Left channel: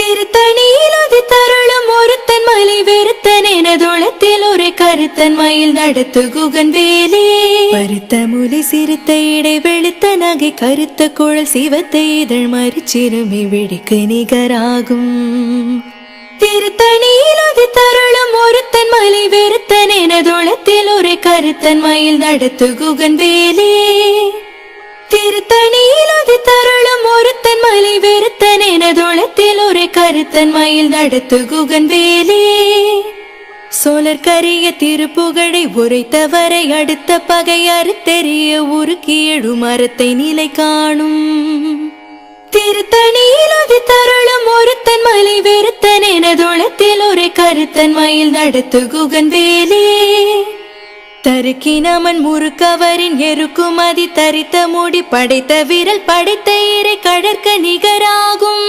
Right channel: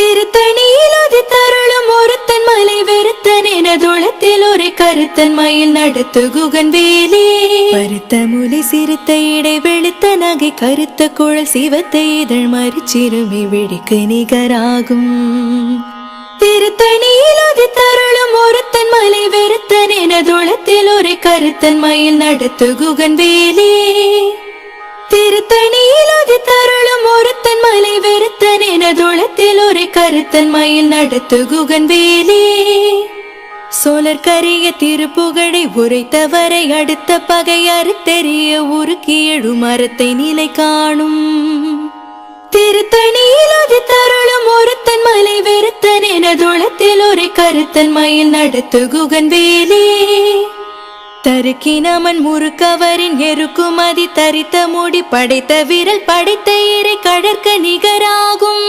திருத்தணியில் ஒரு தருணம் ஒருத்தன் மலை வெறுத்தன் எனதுளத்தில் ஒரு கருத்தன் மயில் நடத்து குகந்தேனே. பருத்த முலை சிறுத்த இடை வெளுத்த நகை கருத்த குழல் சிவத்த இதழ் மறிச்சிறுமி வெடிக்கு நிகராகும். திருத்தணியில் ஒரு தருணம் ஒருத்தன் மலை வெறுத்தன் எனதுளத்தில் ஒரு கருத்தன் மயில் நடத்து குகந்தேனே. திருத்தணியில் ஒரு தருணம் ஒருத்தன் மலை வெறுத்தன் எனதுளத்தில் ஒரு கருத்தன் மயில் நடத்து குகந்தேனே. சோழர் கரிய திருப்புகழை உரைத்தவரை அடுத்த பகை அறுத்தெறிய உருக்கி எழு மரத்தை நிலை காணும். திருத்தணியில் ஒரு தருணம் ஒருத்தன் மலை வெறுத்தன் எனதுளத்தில் ஒரு கருத்தன் மயில் நடத்து குகந்தேனே. தருக்கினமன் முறுக்கவரின் எருக்குமதி தரித்த முடி படைத்த விரல் படைத்த இறை கடற்க நிகராகும்.